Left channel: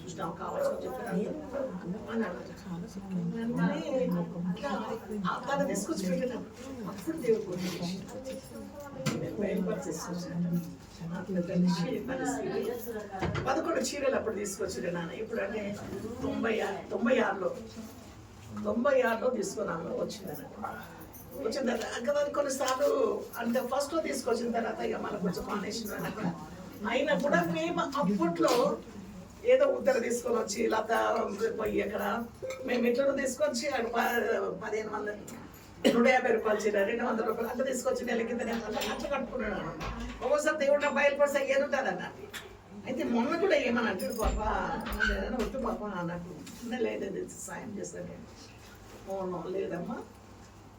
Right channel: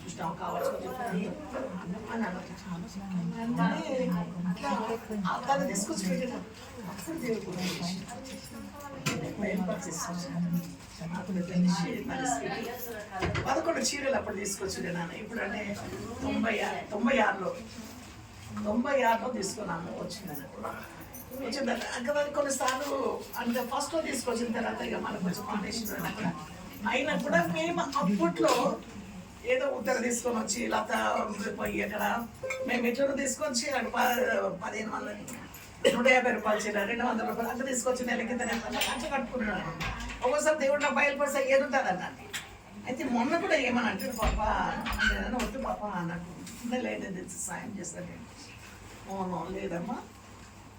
చూసినావు కావాల్సి చెప్పాను తను తీసుకొచ్చి పెట్టినాం అప్పుడు దేవుడు పరిస్థితి 11 చీరలు అప్పుడు తీసుకొచ్చిండే నాన్న. ఇప్పుడు అంటే 96లో తీసుకున్నాను వచ్చిందని వచ్చిన తర్వాత కొన్నిసార్లు అంటే ఫస్ట్లో తీసుకొచ్చిన తర్వాత ఇక మనకు కొంచెం మానేసిన అయినా కూడా మేము అప్పట్లో ఏదో ఉత్తర తీసుకొని వచ్చి లత పోయి అక్కడ మేము ఎట్లా తీసుకొచ్చి అక్కడ 1,50 రూపాయలు చీర 200 రూపాయలు అంత తీసుకొచ్చి నెల కింద అట్లా కట్టుకున్నాను. ఒక్కోసారి దేవుడు నాకు బయలుపడితే ఏది ఉంటుంది అన్నాడు. అయితే మొన్న కూడా ఏమని అంటే పాప వద్దు పాప అన్నట్టు లేదు సాయం చేస్తాను. ఓనో లేదమ్మా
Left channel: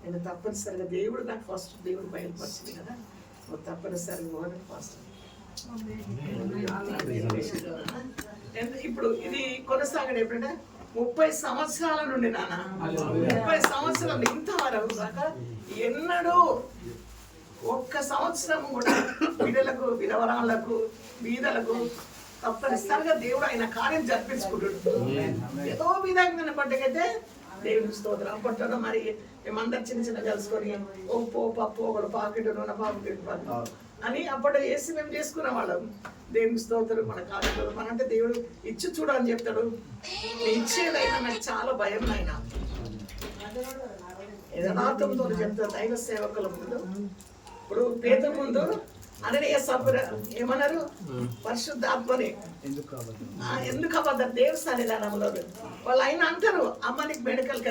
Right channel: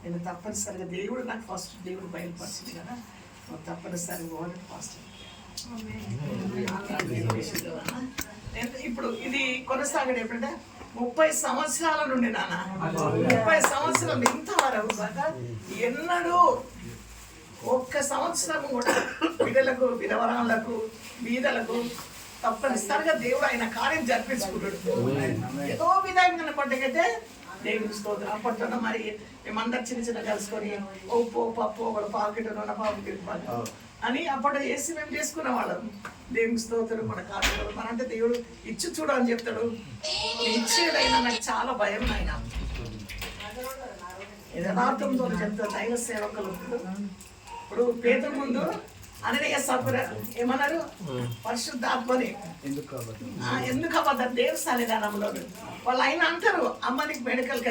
నేను తప్పనిసరిగా దేవుడు నాకు ఫస్ట్ దేవుడు బయలుపరిచింది కదా నువ్వు తప్పనిసరిగా పోవాలని ఫస్ట్. ఇప్పుడు ఇది కొనసాగడం ఎప్పుడంటే 30 సంవత్సరాల నుండి నాన్న 30 సంవత్సరాలు ఇంతవరకు కాక ఎన్నడూ ఒక్క సంవత్సరం కూడా పిల్లలకు విధవరాళ్లకు బీదలకు తప్పనిసరిగా దేవుడు ఆయన కార్యం జరిపించుకుంటాడు. ఏదో విధంగా పండుగైతే దేవుని స్తోత్రం. అప్పట్లో మరి మేమందరు చిన్న కలుసుకొని ఉప్పు పప్పు ఒకడు పాకెట్ నూనె పాకెట్ అని అప్పట్లో వేసి మేము చేసుకునే వాళ్ళం. దేవుని స్తోత్రం. మన కాదు మన అంటే దేవుడు ఇచ్చి చూడు అని చెప్తాడు. ఇచ్చేదైనా నాకు చాలా భయం ఆయన యథార్థంతో చెప్తాడు. దైవ సేవకుల ముందు ఇప్పుడు పేదల ముందు అననీయ సఫర్ ఏమన్నారు పరిశుద్ధాత్మని ఎందుకు అబద్ధం దేవస్థానం వాళ్ళు ఆయన అంటారు అమ్మ నీకు మెడికల్